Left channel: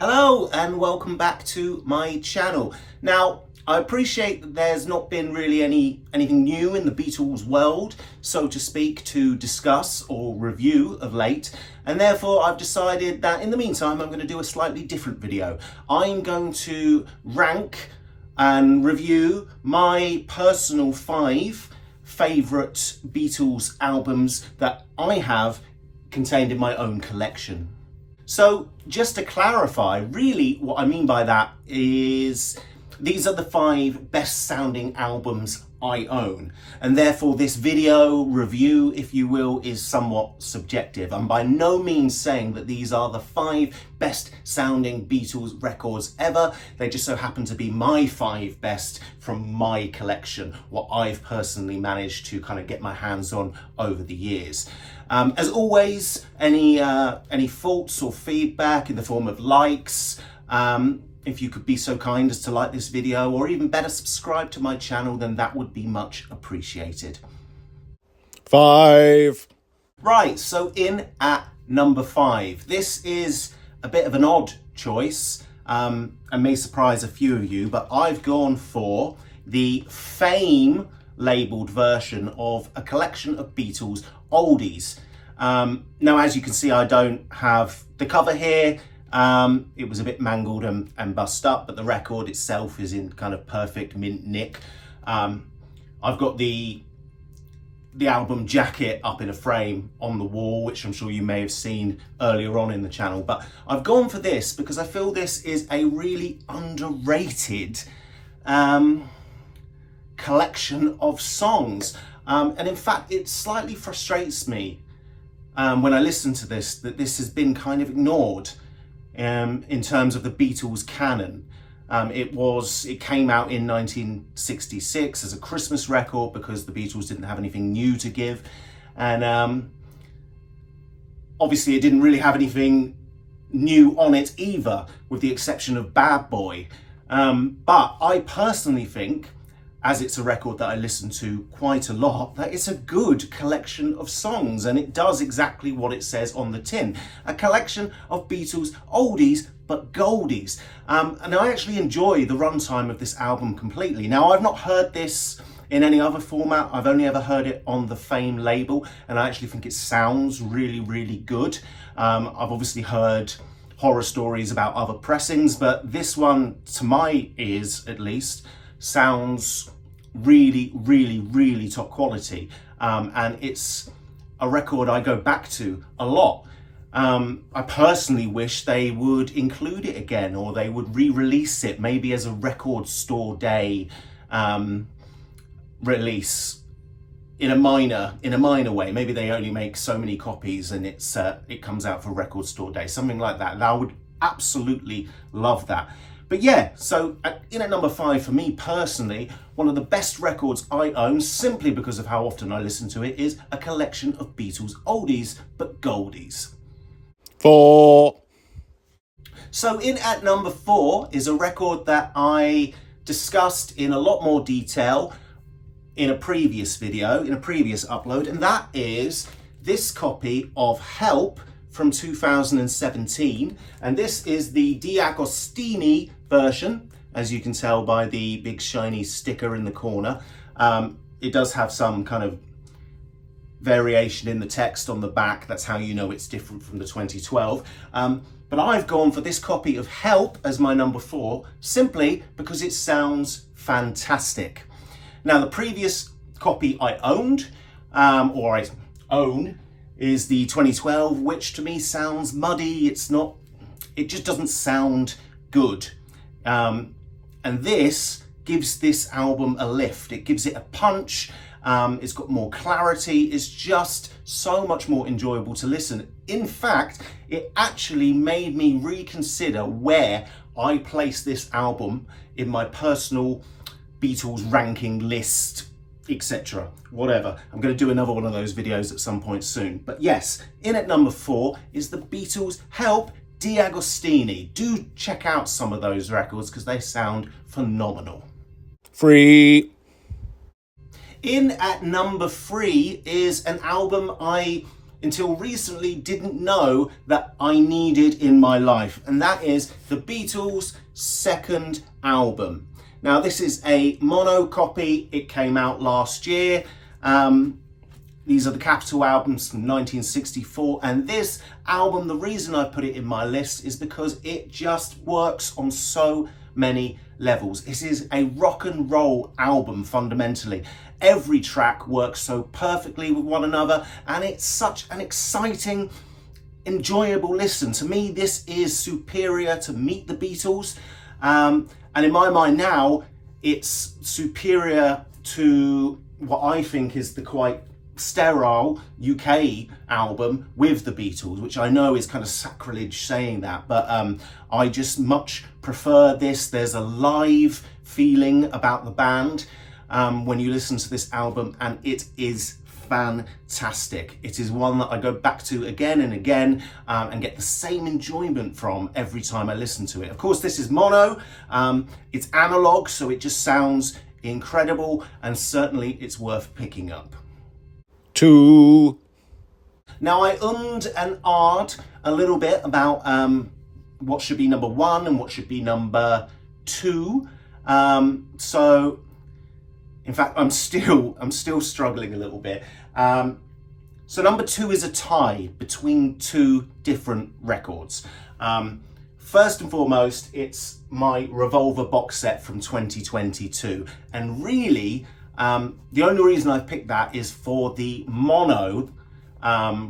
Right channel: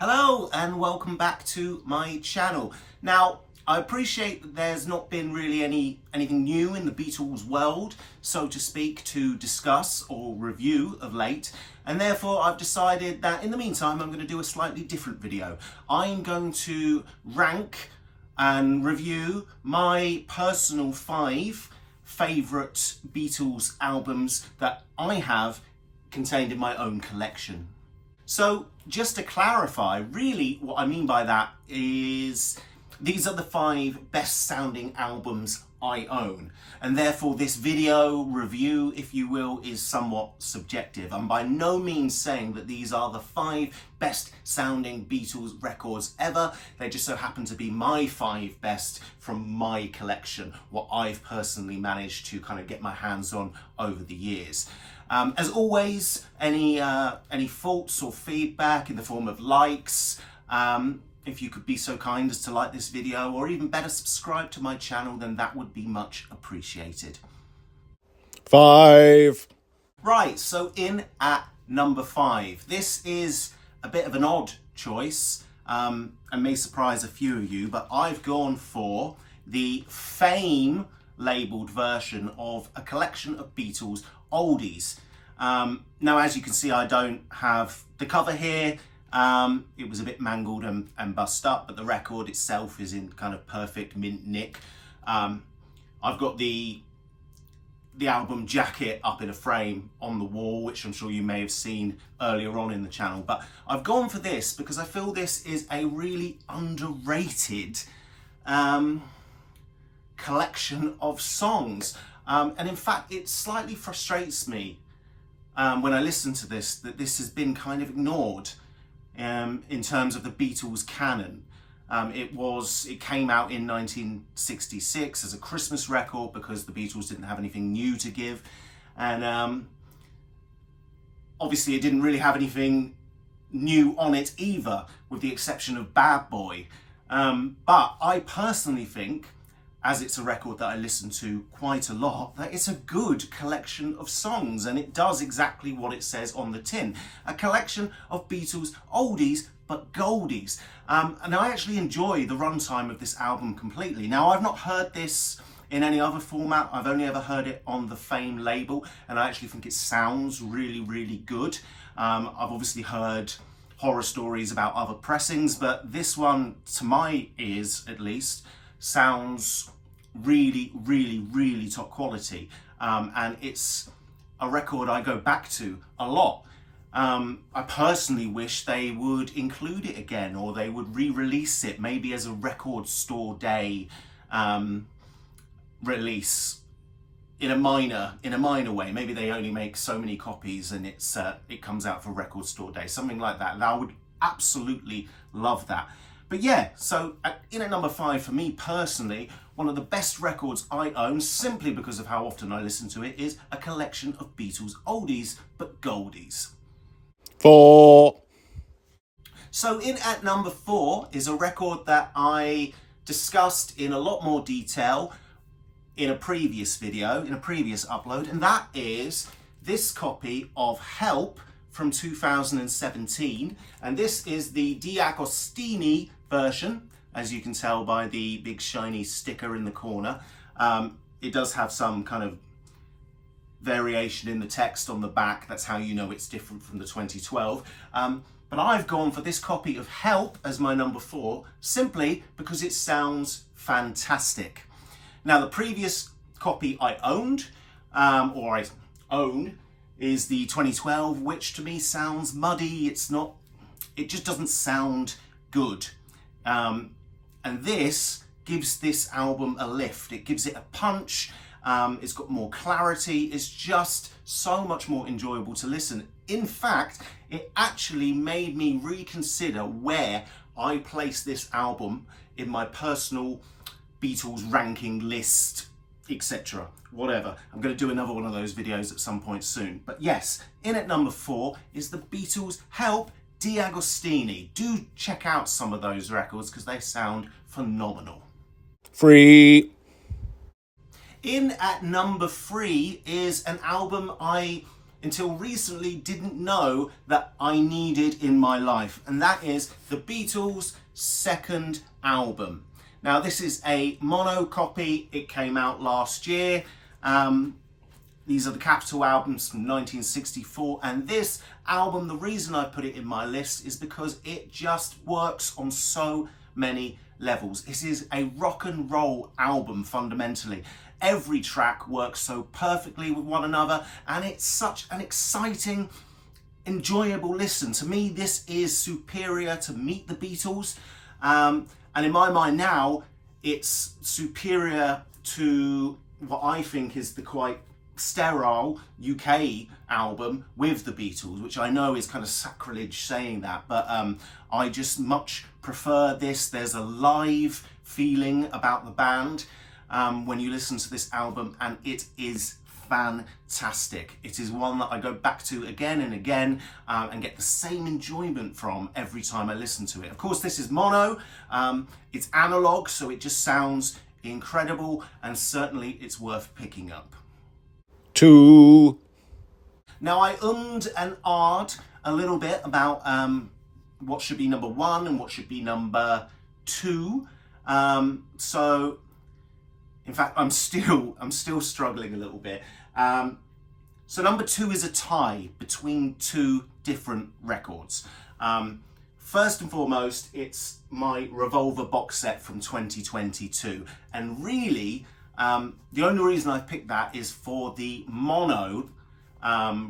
Hello and welcome back to my channel. Now, I appreciate that there's not been really anything new in the Beatles world, so to speak, to discuss or review of late, and therefore I've decided that in the meantime I'm going to do a slightly different video. I'm going to rank and review my personal 5 favourite Beatles albums that I have contained in my own collection. So just to clarify, really what I mean by that is these are the 5 best sounding albums I own, and therefore this video review, if you will, is somewhat subjective. I'm by no means saying that these are the 5 best sounding Beatles records ever. They just so happen to be my 5 best from my collection, what I've personally managed to kind of get my hands on over the years. As always, any faults or feedback in the form of likes, if you could be so kind as to like this video, or even better, subscribe to my channel, then that would be much appreciated. 5. Right, so in at number 5. This is a bit of an odd choice, and may surprise a few of you, but I've gone for the Fame labelled version of a collection of Beatles oldies. Now, as you can see, I don't have the cover here. It was a bit mangled and bust up, but the record itself is in kind of perfect mint nick. I've got the album jacket up in a frame on the wall, which I'm sure you may have seen earlier on in the channel, but I've gone for this because I feel this is a really underrated collection of songs. And in fact, it slightly frustrates me when I listen to this, that this has been kind of ignored in terms of the Beatles canon. It came out in 1966 as a Christmas record because the Beatles didn't have anything new to give. And obviously it didn't really have anything new on it either, with the exception of Bad Boy. But I personally think, as it's a record that I listen to quite a lot, that it's a good collection of songs, and it does exactly what it says on the tin. A collection of Beatles oldies but goldies. And I actually enjoy the runtime of this album completely. Now, I've not heard this in any other format. I've only ever heard it on the Fame label, and I actually think it sounds really, really good. I've obviously heard horror stories about other pressings, but this one, to my ears at least, sounds really, really, really top quality. And it's a record I go back to a lot. I personally wish they would include it again, or they would re-release it maybe as a record store day release in a minor way. Maybe they only make so many copies and it comes out for record store day, something like that. And I would absolutely love that. But yeah, so in at number 5 for me personally, one of the best records I own, simply because of how often I listen to it, is a collection of Beatles oldies but goldies. 4. So in at number 4 is a record that I discussed in a lot more detail in a previous video, in a previous upload, and that is this copy of Help from 2017, and this is the D'Agostini version, as you can tell by the big shiny sticker in the corner. It does have some kind of variation in the text on the back. That's how you know it's different from the 2012. But I've gone for this copy of Help as my number 4, simply because it sounds fantastic. Now, the previous copy I owned, or I own, is the 2012, which to me sounds muddy. It just doesn't sound good. And this gives this album a lift. It gives it a punch. It's got more clarity. It's just so much more enjoyable to listen. In fact, it actually made me reconsider where I place this album in my personal Beatles ranking list, etc. Whatever. I'm going to do another one of those videos at some point soon. But yes, in at number 4 is the Beatles' Help, D'Agostini. Do check out some of those records because they sound phenomenal. 3. In at number 3 is an album I until recently didn't know that I needed in my life, and that is the Beatles' second album. Now, this is a mono copy. It came out last year. These are the Capitol albums from 1964, and this album, the reason I put it in my list is because it just works on so many levels. This is a rock and roll album fundamentally. Every track works so perfectly with one another, and it's such an exciting, enjoyable listen. To me, this is superior to Meet the Beatles, and in my mind now, it's superior to what I think is the quite sterile UK album with the Beatles, which I know is kind of sacrilege saying that, but I just much prefer this. There's a live feeling about the band when you listen to this album, and it is fantastic. It is one that I go back to again and again and get the same enjoyment from every time I listen to it. Of course, this is mono, it's analog, so it just sounds incredible, and certainly it's worth picking up. 2, Now, I ummed and ahed a little bit about what should be number 1 and what should be number 2. So, in fact, I'm still struggling a little bit. So number 2 is a tie between 2 different records. First and foremost, it's my Revolver box set from 2022, and really, the only reason I picked that is for the mono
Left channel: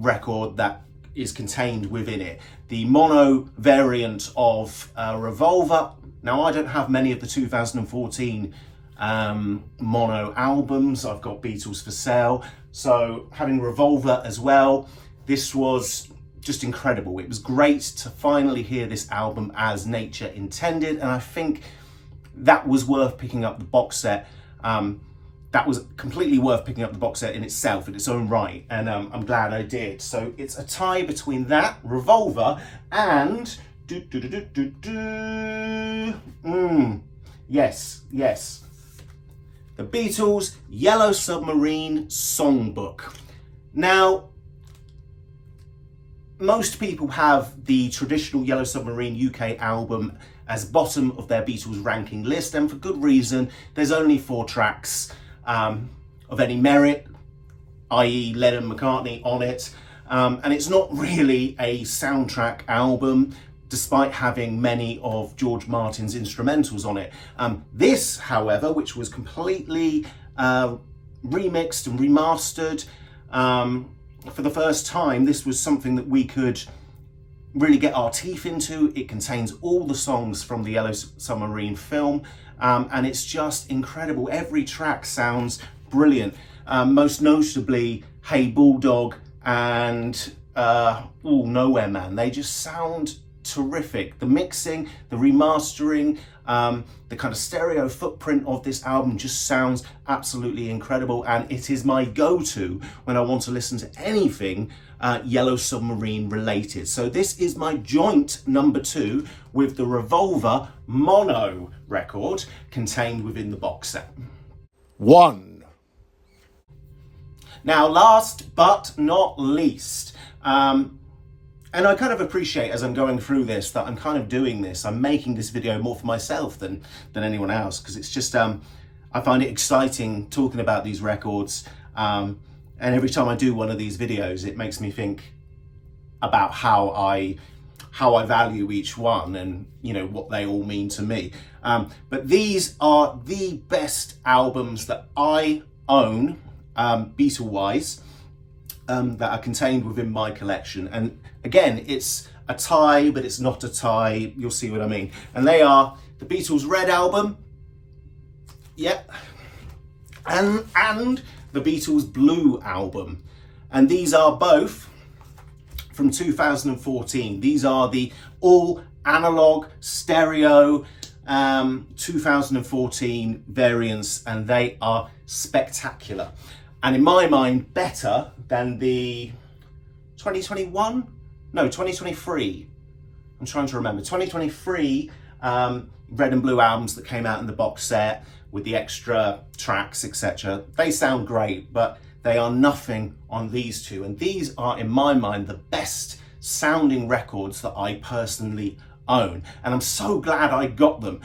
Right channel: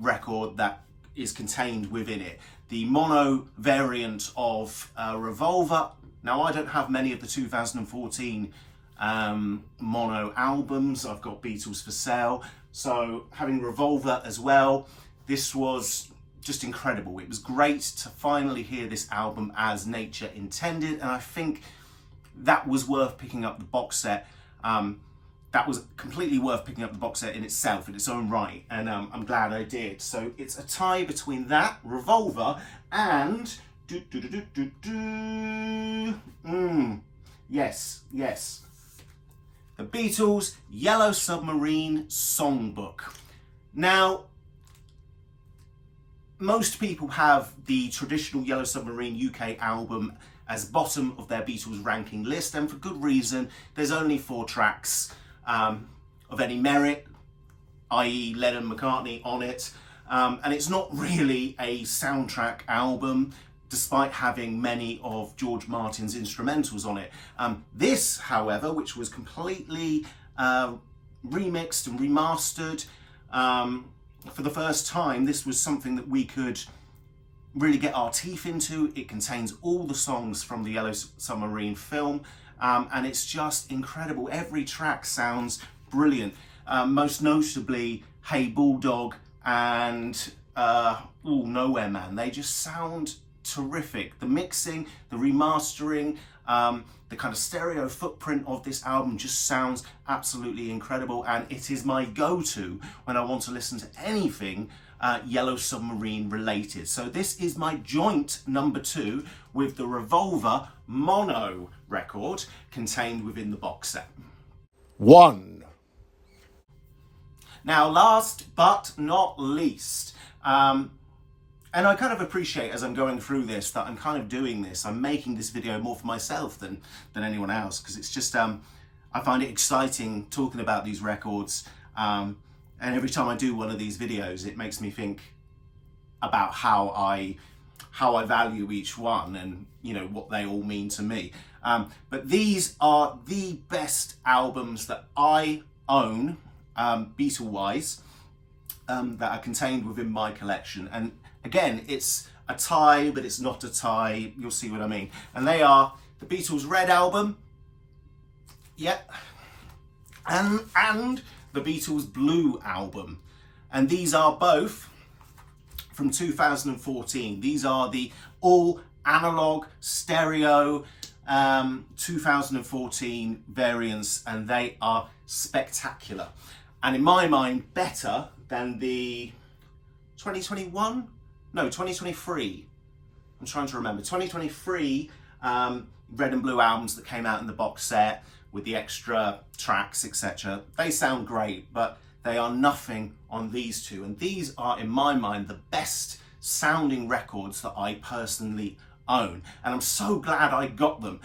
record that is contained within it. The mono variant of Revolver. Now, I don't have many of the 2014 mono albums. I've got Beatles for sale. So having Revolver as well, this was just incredible. It was great to finally hear this album as nature intended, and I think that was worth picking up the box set. That was completely worth picking up the box set in itself, in its own right, and I'm glad I did. So it's a tie between that, Revolver, and yes, the Beatles' Yellow Submarine Songbook. Now, most people have the traditional Yellow Submarine UK album as bottom of their Beatles ranking list, and for good reason. There's only 4 tracks of any merit, i.e. Lennon McCartney on it, and it's not really a soundtrack album, despite having many of George Martin's instrumentals on it. This, however, which was completely remixed and remastered for the first time, this was something that we could really get our teeth into. It contains all the songs from the Yellow Submarine film, and it's just incredible. Every track sounds brilliant, most notably Hey Bulldog and Nowhere Man. They just sound terrific. The mixing, the remastering, the kind of stereo footprint of this album just sounds absolutely incredible, and it is my go-to when I want to listen to anything Yellow Submarine related. So this is my joint number 2 with the Revolver mono record contained within the box set. 1, Now, last but not least, and I kind of appreciate as I'm going through this that I'm kind of doing this. I'm making this video more for myself than anyone else, because it's just, I find it exciting talking about these records. And every time I do one of these videos, it makes me think about how I value each one and, you know, what they all mean to me. But these are the best albums that I own, Beatle-wise, that are contained within my collection. And again, it's a tie, but it's not a tie. You'll see what I mean. And they are the Beatles' Red Album, and the Beatles' Blue Album. And these are both from 2014. These are the all analog stereo 2014 variants, and they are spectacular. And in my mind, better than the 2023. I'm trying to remember. 2023 Red and Blue albums that came out in the box set with the extra tracks, etc. They sound great, but they are nothing on these two. And these are, in my mind, the best sounding records that I personally own. And I'm so glad I got them.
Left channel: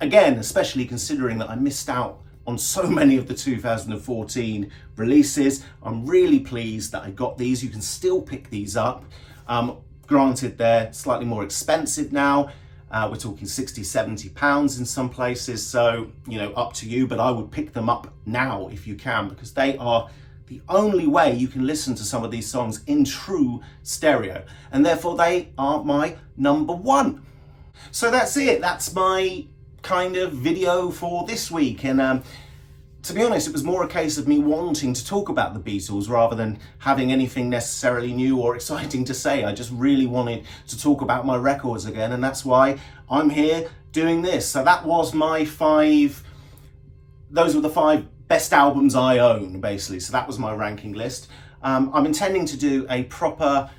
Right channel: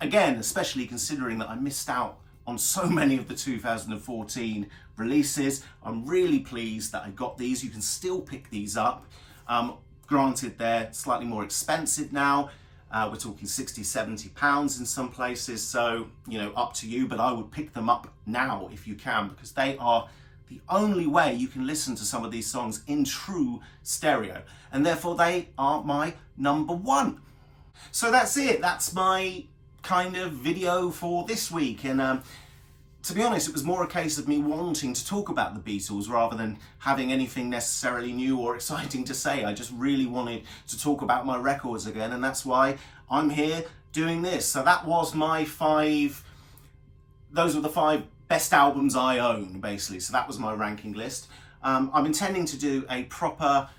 Again, especially considering that I missed out on so many of the 2014 releases. I'm really pleased that I got these. You can still pick these up. Granted, they're slightly more expensive now. We're talking 60, 70 pounds in some places. So, you know, up to you, but I would pick them up now if you can, because they are the only way you can listen to some of these songs in true stereo. And therefore they are my number one. So that's it. That's my kind of video for this week. And to be honest, it was more a case of me wanting to talk about the Beatles rather than having anything necessarily new or exciting to say. I just really wanted to talk about my records again, and that's why I'm here doing this. So that was my those were the 5 best albums I own, basically. So that was my ranking list. I'm intending to do a proper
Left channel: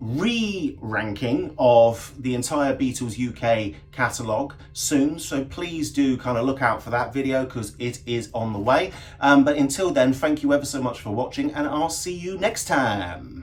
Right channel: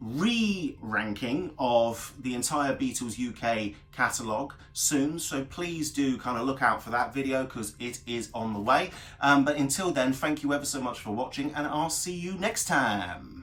re-ranking of the entire Beatles UK catalogue soon, so please do kind of look out for that video because it is on the way. But until then, thank you ever so much for watching, and I'll see you next time.